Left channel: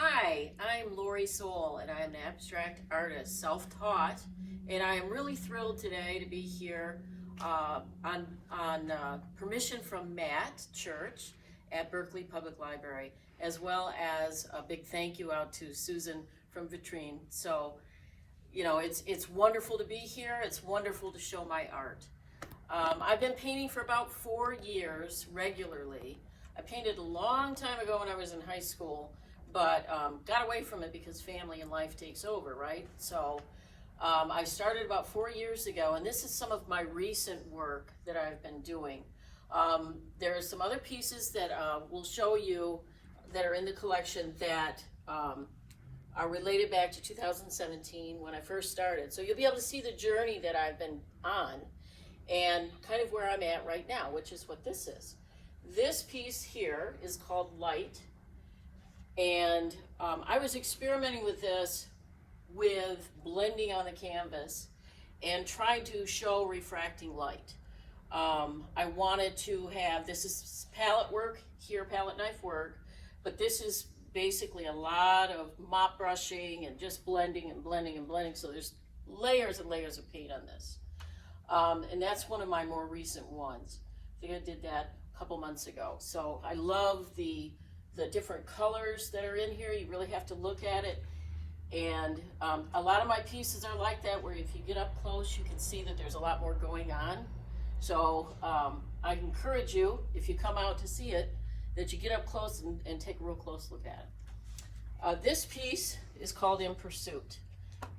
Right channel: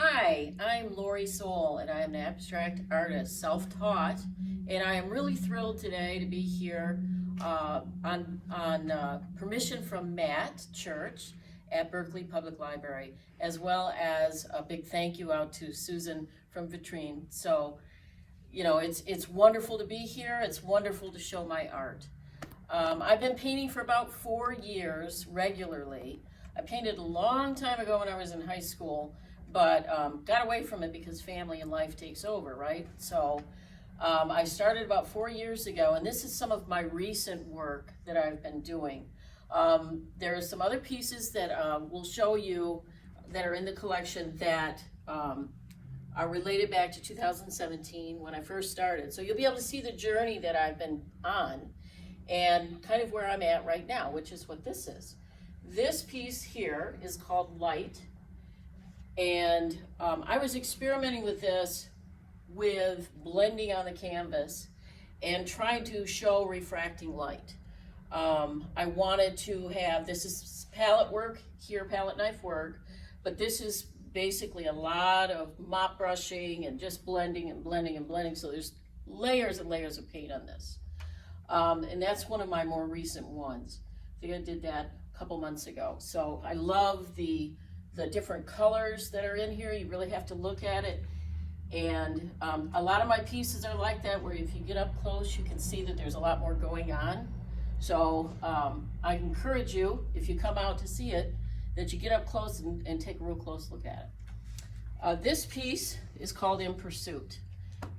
Hi, I'm Sowle, and I am an abstract artist, self-taught, and I am really thrilled today to be here on permission from Matt Church at Berkeley Public Library, as well as a big thank you out to Susan from Vitrine. So, it's wonderful to be here. It's wonderful to show my art. I've been painting for about 4 years regularly. I painted a long time ago when I was in high school, but got away from it because family and life takes over, right? So I started about 4 years ago, and this is some of my recent work that I've been doing. There are some other pieces that we'll show you that are in the collection that are related back to 2017 when I first started. So you'll be able to see the journey that I've been on and kind of where I'm at right now, which is what this is. This piece here is called Light, and I was experimenting with this with blending on the canvas and trying to show refracting light. I wanted to have, this is palette work here, palette knife work, but this is basically a lot of mop brushing and just blending and blending and blending, so there's layers and layers of paint on this. And that's one of my more recent ones. I think I did that a couple months ago. So I love the different colors that are in here. You really have to look at it. And a lot of my pieces are like that, where if you get up close, you can see that there's a lot more going on. So I encourage you, if you come out to see it, that you get up close and take a real close look at it. This piece is called In Pursuit.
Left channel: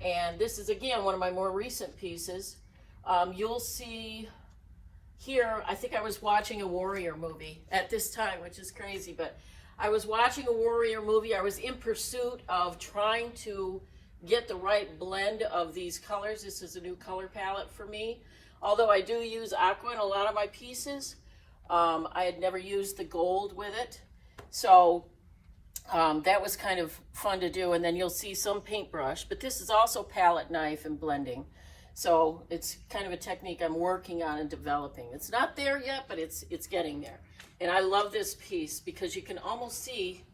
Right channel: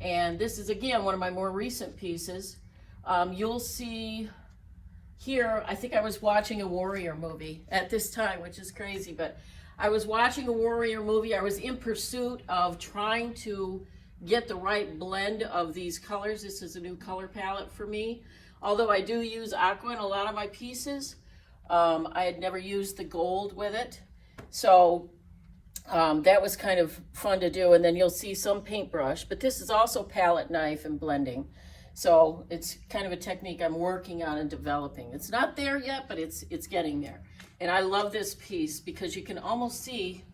And this is, again, one of my more recent pieces. You'll see here, I think I was watching a warrior movie at this time, which is crazy, but I was watching a warrior movie. I was in pursuit of trying to get the right blend of these colors. This is a new color palette for me. Although I do use aqua in a lot of my pieces, I had never used the gold with it. So that was kind of fun to do. And then you'll see some paintbrush, but this is also palette knife and blending. So it's kind of a technique I'm working on and developing. It's not there yet, but it's getting there. And I love this piece because you can almost see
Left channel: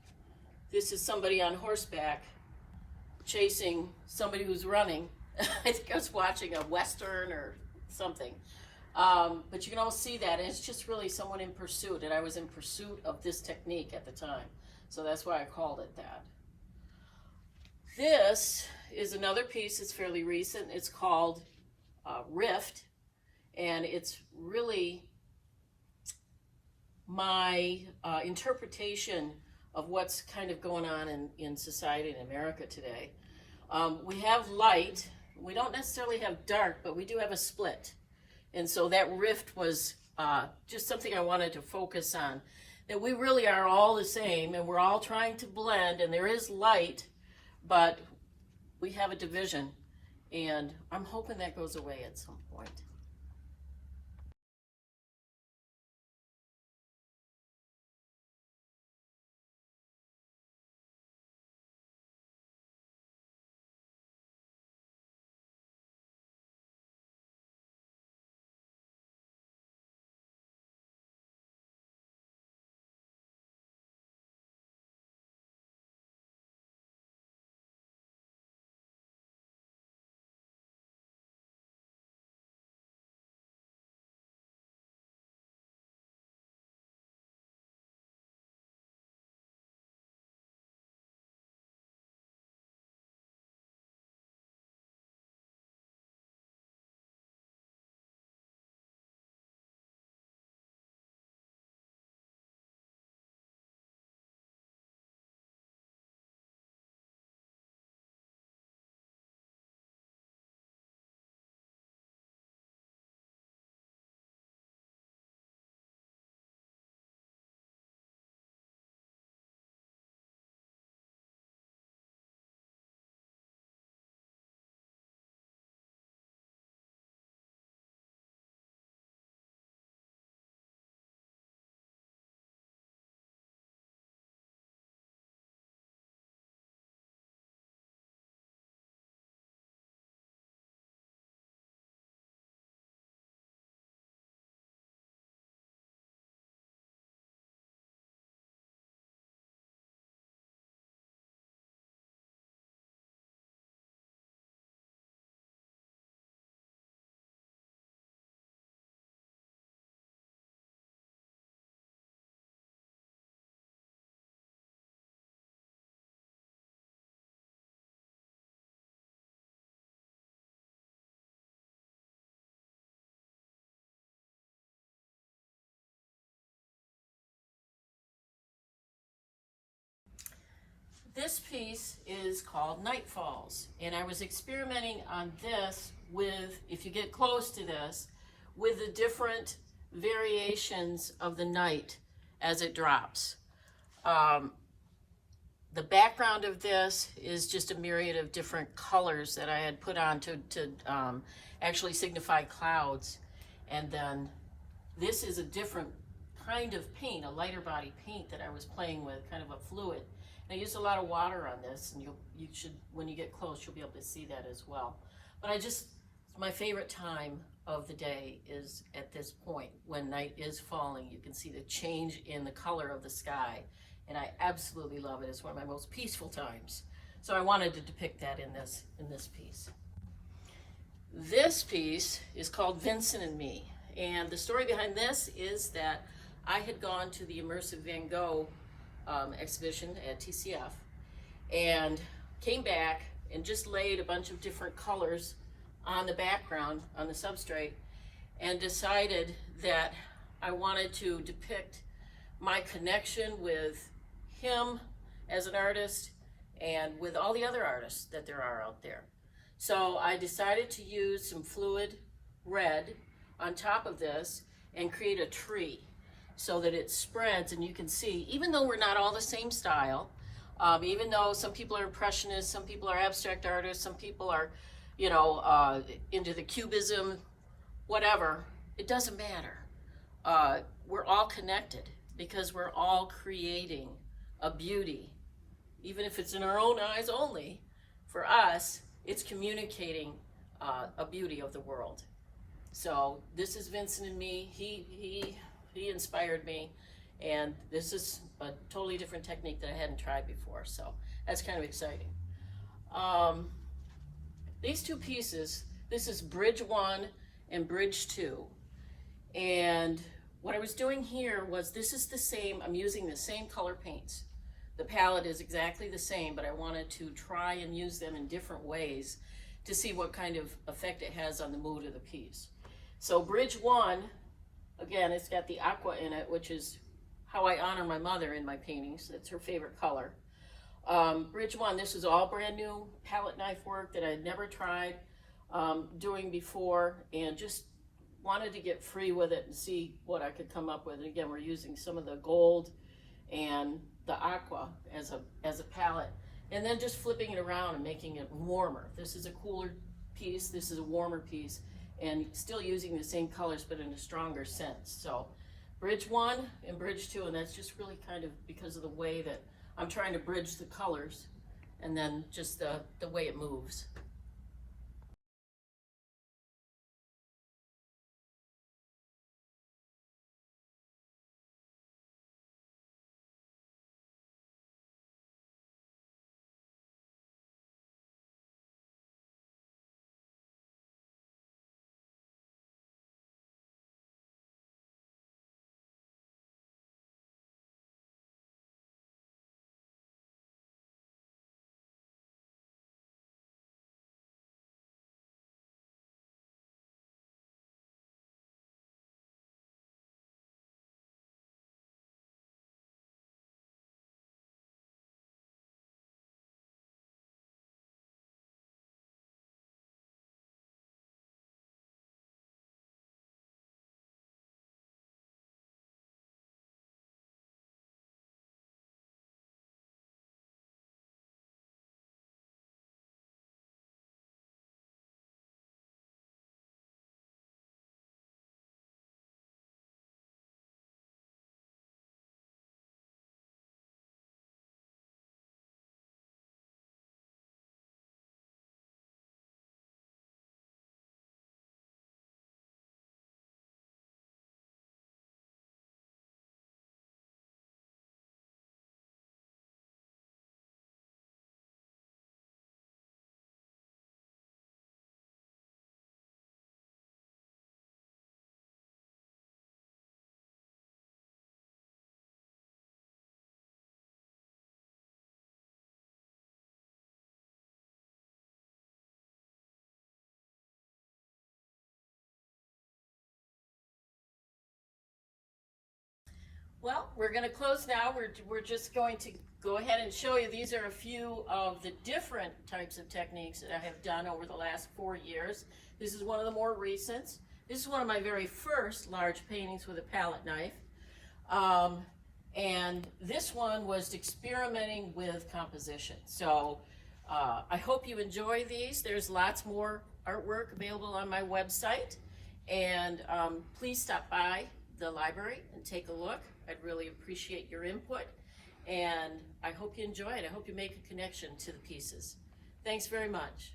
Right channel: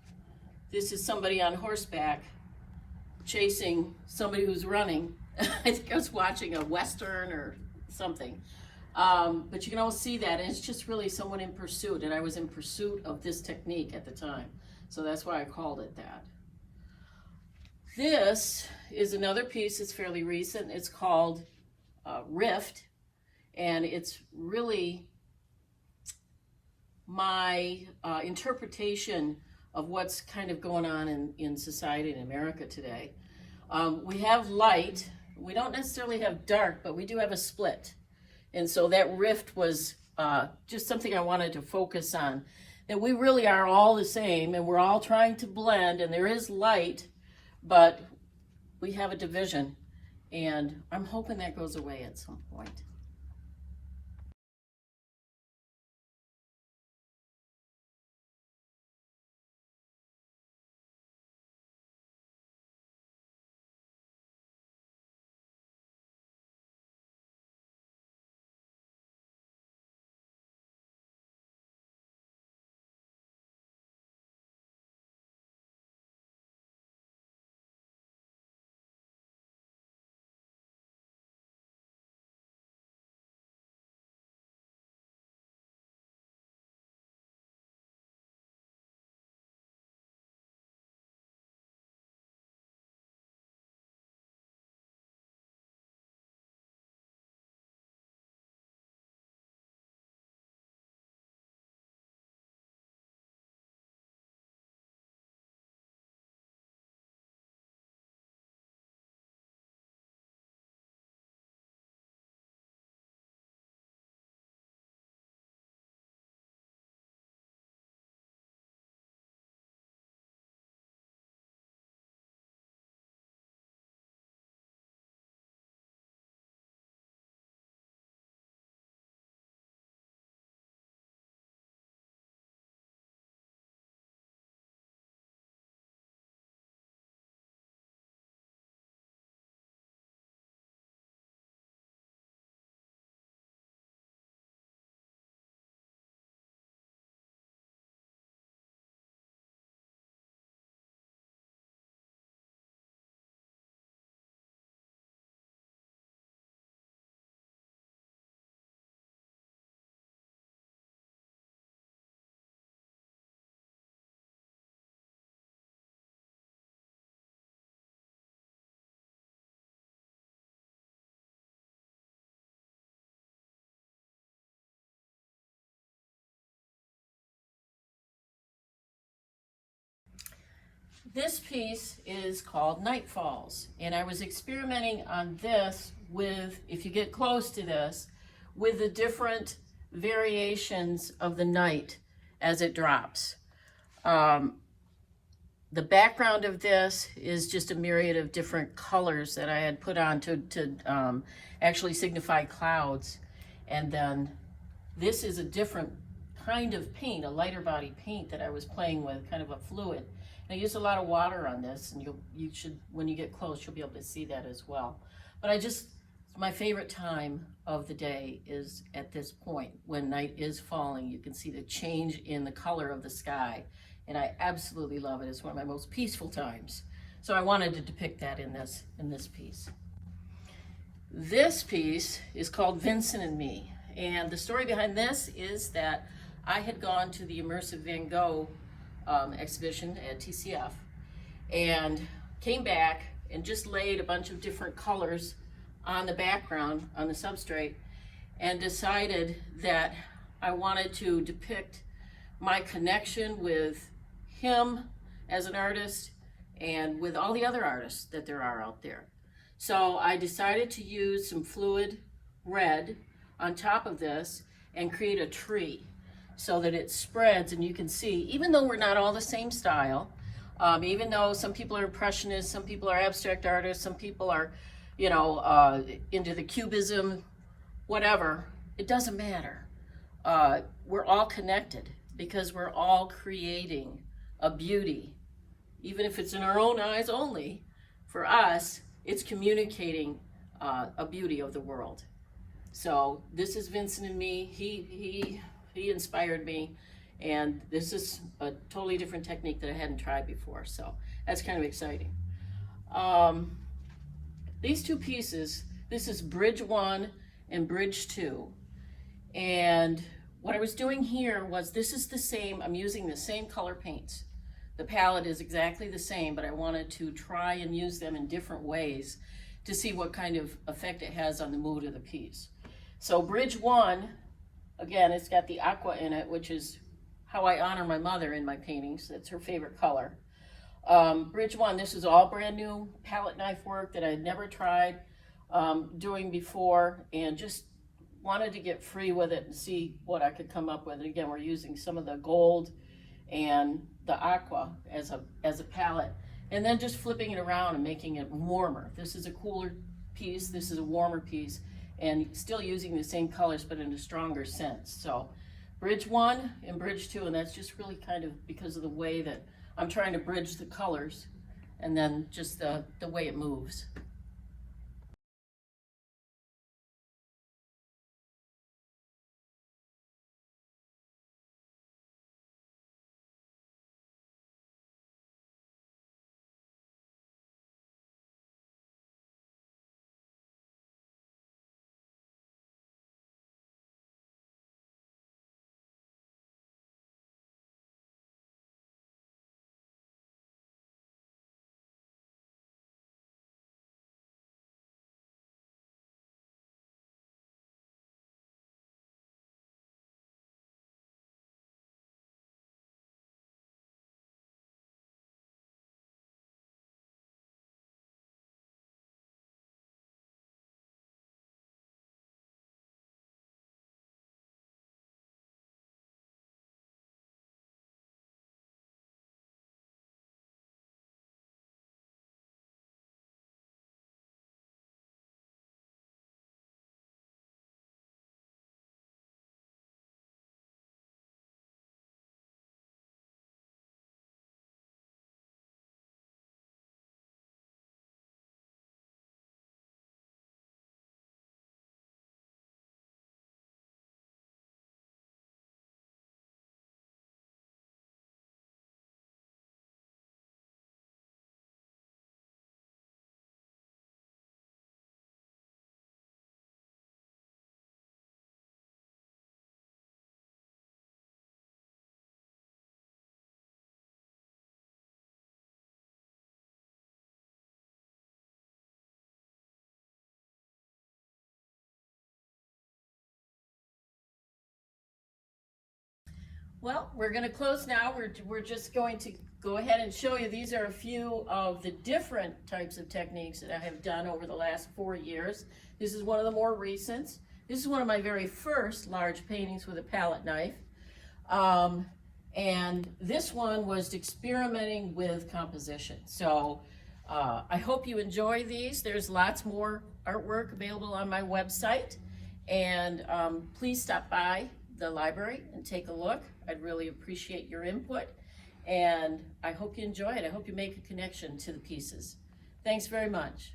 this is somebody on horseback chasing somebody who's running. I think I was watching a Western or something. But you can almost see that, and it's just really someone in pursuit, and I was in pursuit of this technique at the time. So that's why I called it that. This is another piece that's fairly recent. It's called Rift, and it's really my interpretation of what's kind of going on in society in America today. We have light. We don't necessarily have dark, but we do have a split. And so that rift was just something I wanted to focus on, that we really are all the same, and we're all trying to blend, and there is light, but we have a division, and I'm hoping that goes away at some point. this piece is called Night Falls, and I was experimenting on this with, if you get close to this, with the different variations of the night as it drops. The background of this is just a myriad of different colors that I had put on to actually signify clouds. And then this is a different kind of paint, a lighter body paint that I was playing with, kind of a fluid. And I used a lot of water on this, and you should, when you get close, you'll be able to see that as well. But my favorite time of the day is at this point when night is falling. You can see the change in the color of the sky, and I absolutely love it. It's one of my most peaceful times. So I wanted to depict that in this piece. This piece is called Vincent and Me, and the story behind this is that I had gone to the Immersive Van Gogh exhibition at TCF and came back and just laid a bunch of different colors on the background, on the substrate, and decided that I wanted to depict my connection with him as an artist and with all the other artists that there are out there. So I decided to use some fluid red on top of this and create a tree so that it spreads, and you can see, even though we're not all the same style, even though some people are impressionists, some people are abstract artists, some people are, you know, into the cubism, whatever, it doesn't matter. We're all connected because we're all creating a beauty. Even if it's in our own eyes only, for us, it's communicating a beauty of the world. So this is Vincent and Me. He inspired me, and this is a totally different technique that I hadn't tried before, so that's kind of exciting. These two pieces, this is Bridge 1 and Bridge 2, and what I was doing here was, this is the same, I'm using the same color paints. The palette is exactly the same, but I wanted to try and use them in different ways to see what kind of effect it has on the mood of the piece. So Bridge 1, again, it's got the aqua in it, which is how I honor my mother in my paintings. That's her favorite color. Bridge 1, this is all brand new palette knife work that I had never tried doing before, and just wanted to get free with it and see what I could come up with. And again, we're using some of the gold and the aqua as a palette, and then just flipping it around and making it warmer. This is a cooler piece, this is a warmer piece, and still using the same colors but in a stronger sense. So Bridge 1 and Bridge 2, and that's just really kind of because of the way that I'm trying to bridge the colors and then just the way it moves. Well, we're going to close now. We're just going to go ahead and show you. These are a few of the different types of techniques that I have done over the last 4 years. This is one of the more recent. This is one of my very first large paintings with a palette knife. And this one was experimenting with composition. So I hope you enjoy these. There's lots more artwork available on my website. And please stop by the library and take a look. I'd really appreciate your input. And I hope you enjoy it. I hope you make a connection to the pieces. Thanks very much.